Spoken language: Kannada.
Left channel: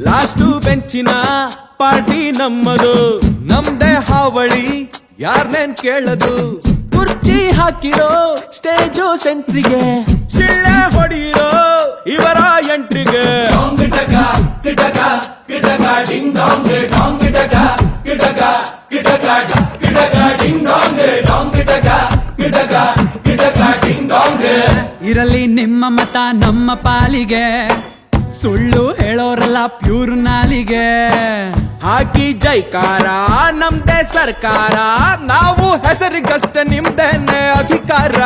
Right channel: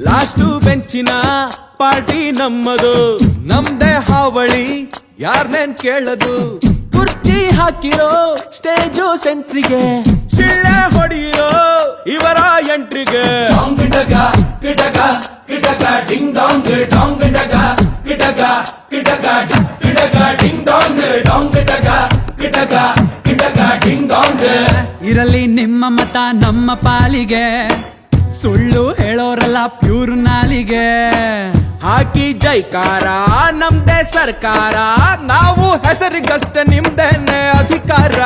ಲಾಸ್ಟು ಬೆಂಚಿನ ಪಾರ್ಟಿ ನಮ್ಮದು. ನಮ್ದೆ ಹಾವಳಿ ಯಾರ್ ಯಾರ್ನೇನ್ ಕೇಳದು? ಕುರ್ಚಿ ಹಾಕಿರೋ ಸ್ಟೇಜು ಸೆಂಟ್ರಿಗೆ. ಶಿಳ್ಳೆ ಹೊಡಿರೋ ಇವರ ಎಂಟ್ರಿಗೆ. ಕಿಟಕ ಕಿಟಕ ಕಿಟಕ ಕಿಟಕ. ಇರಲಿ ನಿಮ್ಮ ಮತ ನಮ್ಮ ಪಾಲಿಗೆ. ಸುಳ್ಳು ಹೇಳೋರಲ್ಲ ಪ್ಯೂರ್ ನಾಲಿಗೆ. ಹಾಕಿ ಜೈಕಾರ ನಮ್ದೇ ಸರ್ಕಾರ. ನಾವು ಹೆಸರಿಗಷ್ಟ ನಿಮ್ದೆ ಅಧಿಕಾರ.